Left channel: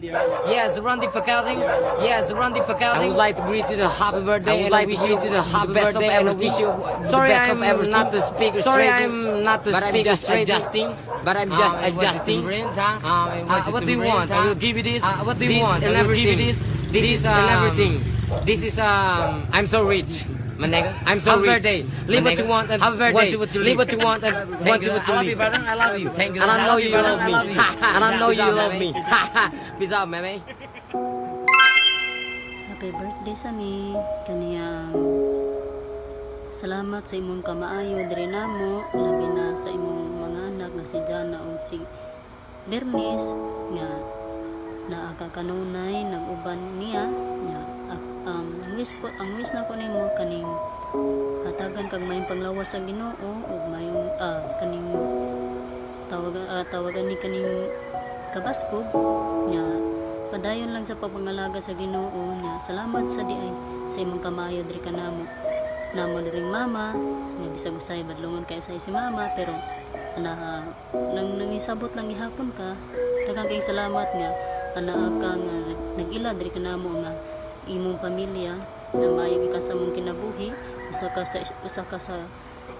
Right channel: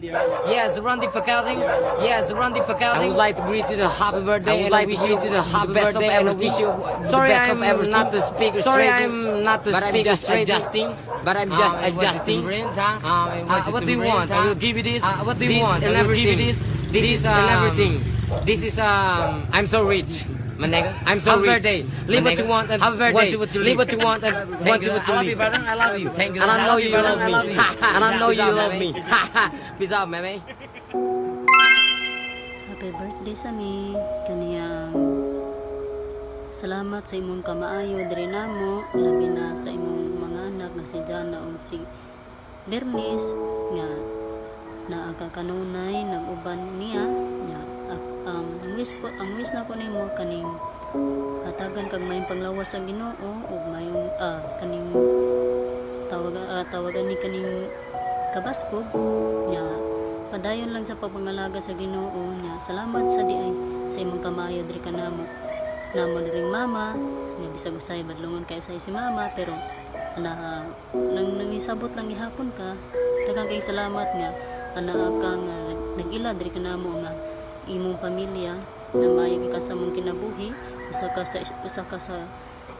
Yes, Randy Fakazing. Yes, Randy Fakazing. I would like to greet you the happy birthday. I would like to wish you the happy birthday and wish you sorry I'm not to speak. Sorry I'm not to speak. I'm just adjusting. But I'm just adjusting. What do you want? I will give you this. What do you want? I will give you this. This is everything. This is I'm so rich. I'm so rich. Live what you want and want what you live what you want and want what you live. I love you. Thank you. And I know you love me. And I know you love me. Peace out, meme. Happy birthday sa mi. Kaniyang salamat sa imong kamaayo diri namo, labi na sa imong mga anak nga si Jana ug si Bernice nga naaka kanunay nag-uban niya nya ang wish na ko nimo kaning hatagan kag mayong panglawas sa Ginoo ug mayong kaning tawagan ni kaning kabaskog nya padayon lang sa pagpangalaga sa Ginoo nya salamat sa diay sa imong kamayo diri kanamo namo diring mama nga bisag usay badlongon kayo sa si mama pero nangisabot lang gihapon ka daghang kay salamat nga ka nga nag-ila diri kanamo nga imong pamilya na maayo ka sa mong kinabuhi usa ka sa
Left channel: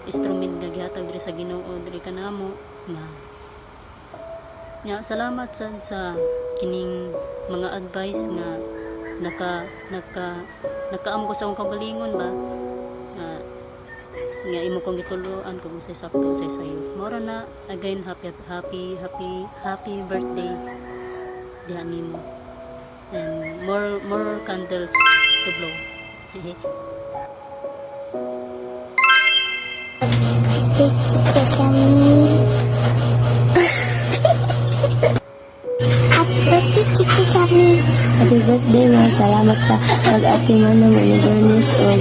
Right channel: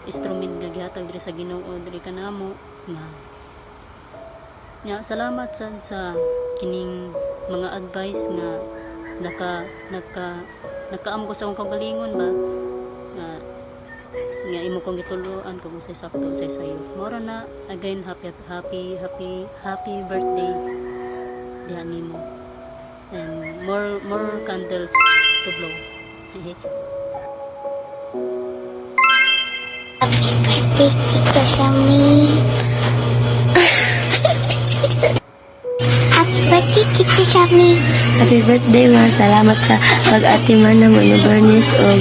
instrument nga gihatag diri sa Ginoo diri kanamo nga salamat sa kining mga advice nga nakaam ko sa akong kagalingon ba nga imo kong gituluan kung say sakto say sayo mora na again happy birthday diha nimo and more candles to blow. Happy birthday, Tita Shami. Happy birthday, Tita Shami. Happy birthday, ma. Salamat sa pag-atiman ng mga Bernice o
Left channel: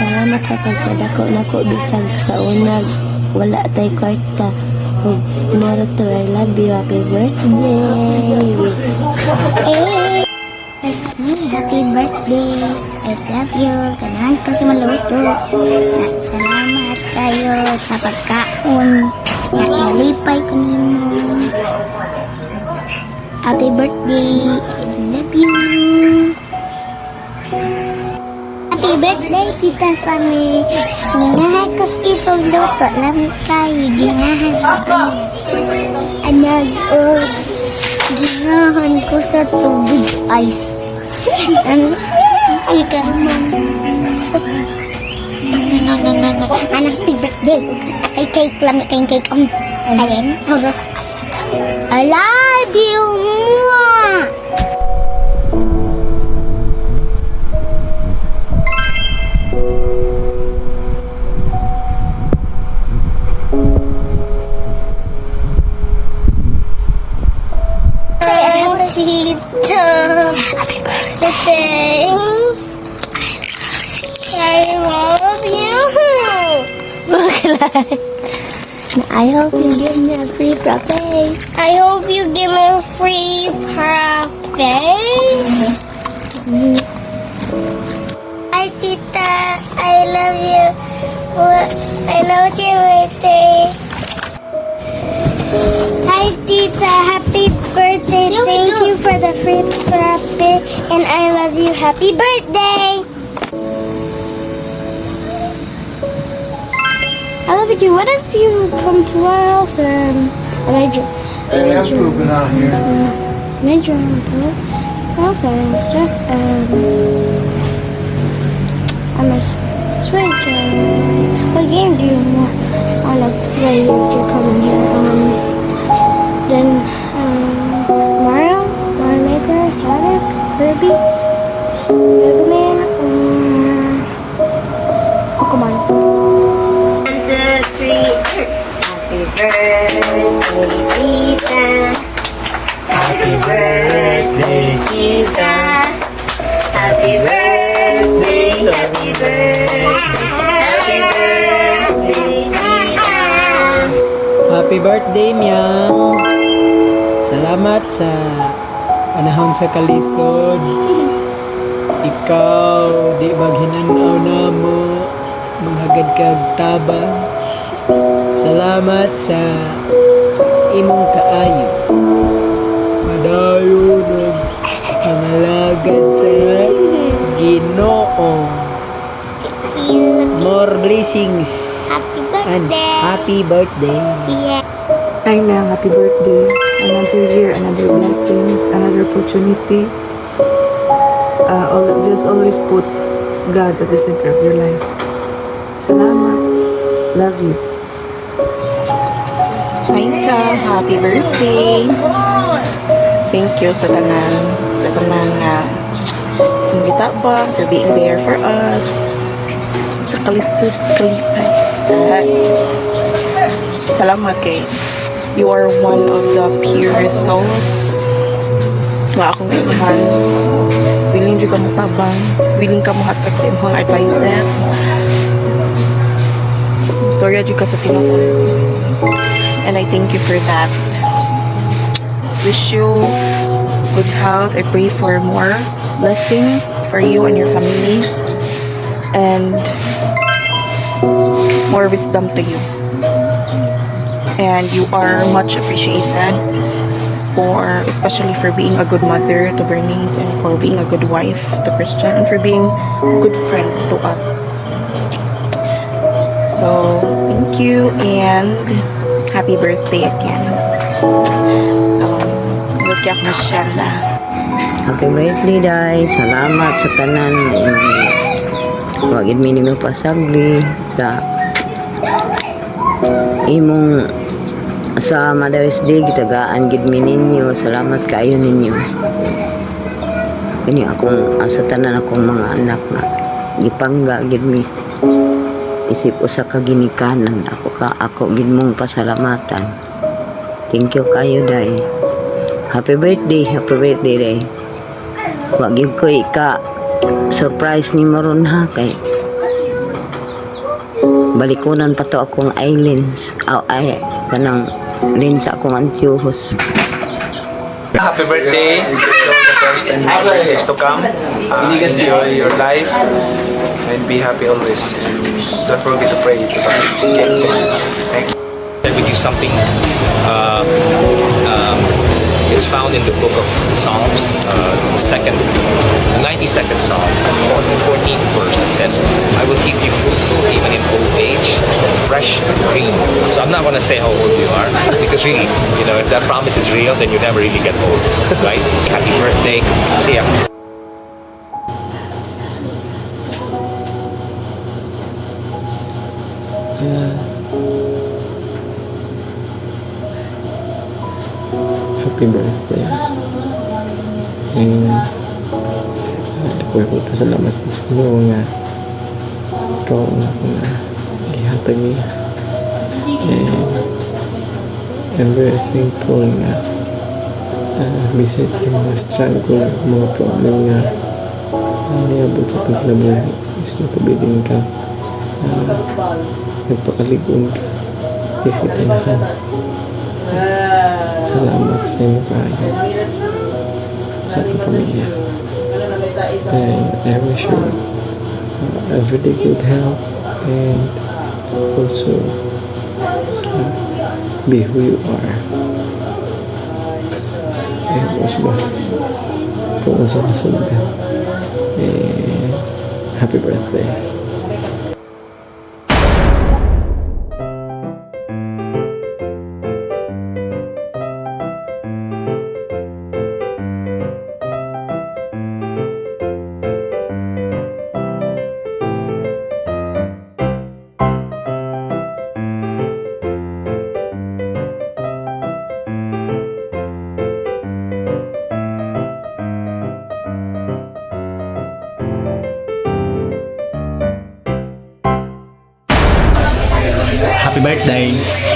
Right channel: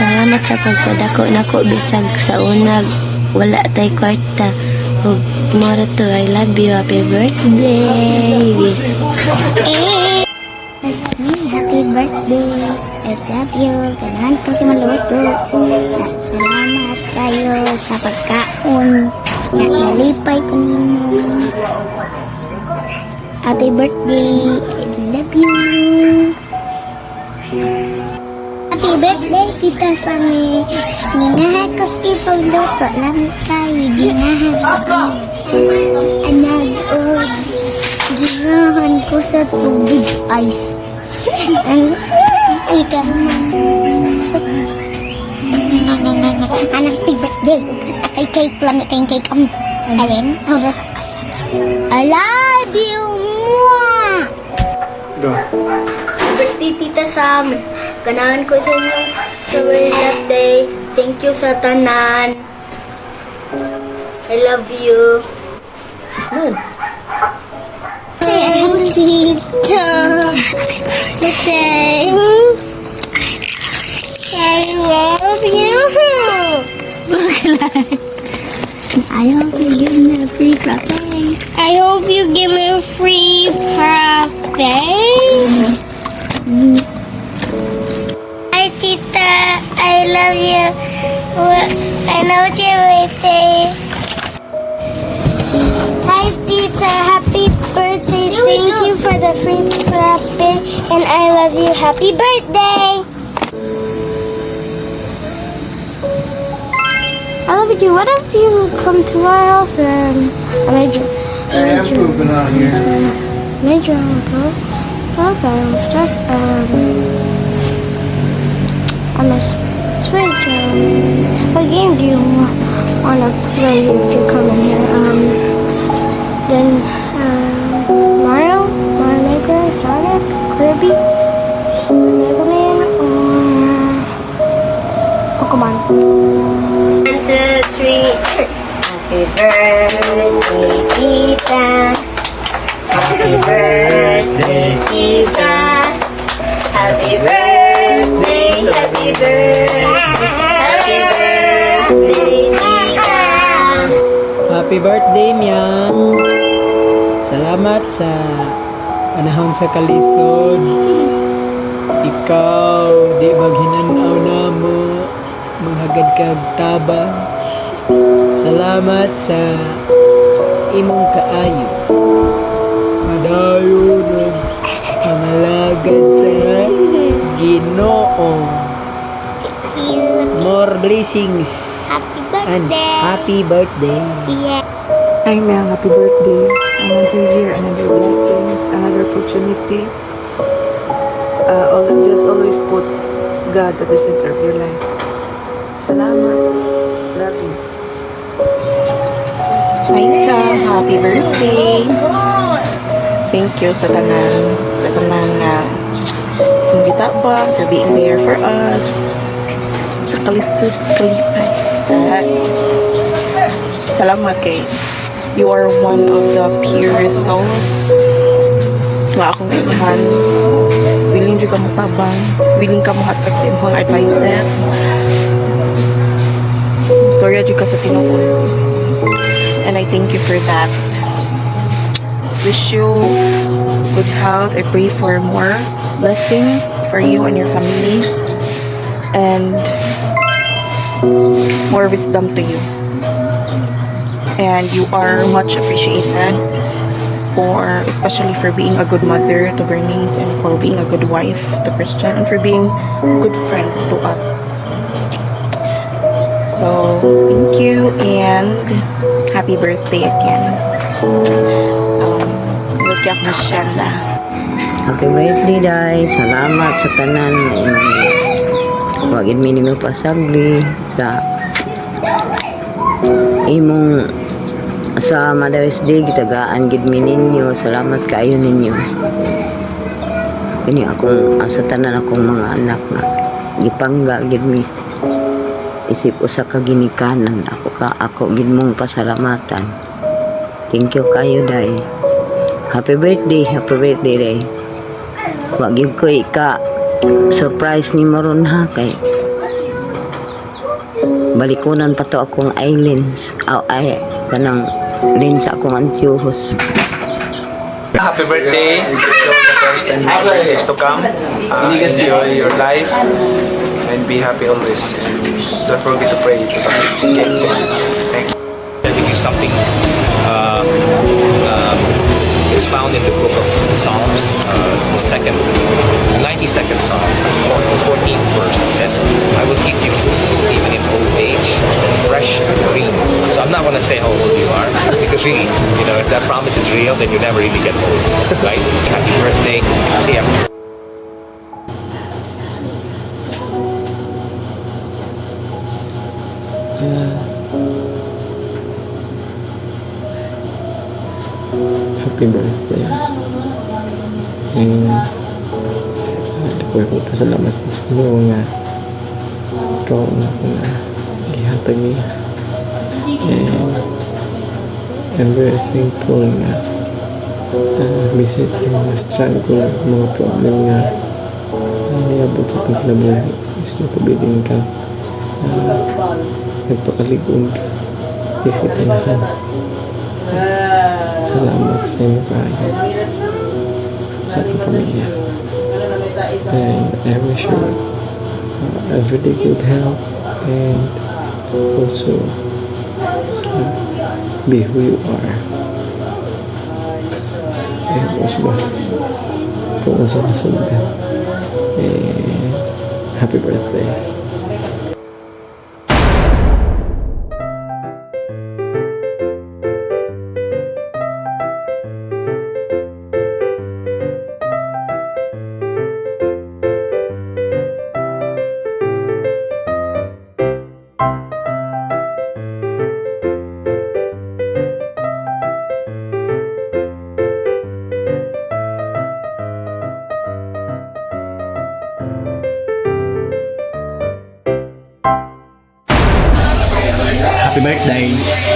salamat sa pagpadako nako bisag sa unag wala tay kwarta ug moro to I love you. Happy birthday. Happy birthday. I love you. Ganahan ko sa maluto. Salamat kayo sa pagkaon. Nalipay ko nimo. Happy birthday. I love you. Happy birthday, Tita Sami. Ginahan ko sa pagluto. Lamit tayo. Ginahan ko. Ginahan ko sa tubig ice. Ay anak big birthday. Kay cake lamit kay cake. Ayan. I love you. Birthday, Tita Sam. Ganahan ko sa inyo sa birthday. Thank you sa tanan. I love you. I love you too. I love you. I hope you give me a free cafe. I hope you give me a free cafe. Hi, Tita. I love you. I love you birthday. Hi, Tita. Happy birthday. Thank you for the free frappe. And I love you. Happy birthday. I love you. What if you come to our house and I made you? I'm pooping out here. Made you on the also I was stressed. I'm a switch. What game do you want to play if you're coming here? Then Mario Maker, Sonic, Kirby, Mega Man, Pokemon. 1, 2, 3. Happy birthday, Tita. Happy birthday, Tita. Happy birthday, happy birthday, happy birthday, Tita. Happy birthday, Miang. Salamat sa panahon sa kalisod. Ikaw, di maghinanaw na mo. Manghagad kag tabang. Salamat sa imong kaayo. Padayon Ginoo. Cute. More blessings. Happy And birthday. happy birthday. Yeah. Hi Mel, happy birthday. Another year, another blessings, another opportunity. Just always put God at the center of your life. Salamat. Love you. Hi ka, happy birthday. Thank you sa tanan nga imbita ba for being there for us. Sa kalisod, sa kalipay. Salamat kay you are one of the purest souls nga akong inuhan. Willing dyan ka mo tabang, willing ka mo hatag sa imong advices. Storya dyan ka sa tinuod. And I thank you for that. Wish you good health. I pray for more blessings for you and your family. And more wisdom to you. And you are much appreciated for, especially for being a good mother to Bernice, and for being a good wife to Christian, and for being a good friend to us. So, thank you and happy birthday again. Lugyak masyanda. Happy birthday, Day. Salamat sa tanan. Wagid minimum pasagli sa imong sa Mother's Day gitagaan gid mi ninyo. Salamat kaayo ninyo. Kini akong sa tanan akong mga anak na gipangga gid mi. Isip usa ka ginikanan ako gid mong pasalamatan. Thank you kayo, Day. Happy birthday, Day. Wa gyud ko ika surprise ni maron ha kay balikunan pa to akong islands ay kanang lens akong antiyohos. Happy birthday! Happy birthdays to come. Enjoy your life and be happy always. Don't forget to pray to God. Thank you. We do something. It's found in the book of Psalms, the 92nd Psalm, 14th verse. It says, "I will keep you fruitful even in old age, fresh and green." So I'm not going to say how old you are, because really, if that promise is real, then you never really get old, right? So happy birthday. See ya. Happy birthday. And ako pasalamat sa Ginoo nga ikaw na gihatag niya. And I'm very thankful nga besides sa mga struggle, mga problem nga niabot sa itong kinabuhi is napabiling ka, nagpakaligon ka, isipinahan. Salamat sa inyo kayo sa ating pamilya. And I wish you everyday good health and also be who you are. And also kung sa masunod. And happy birthday. Happy birthday!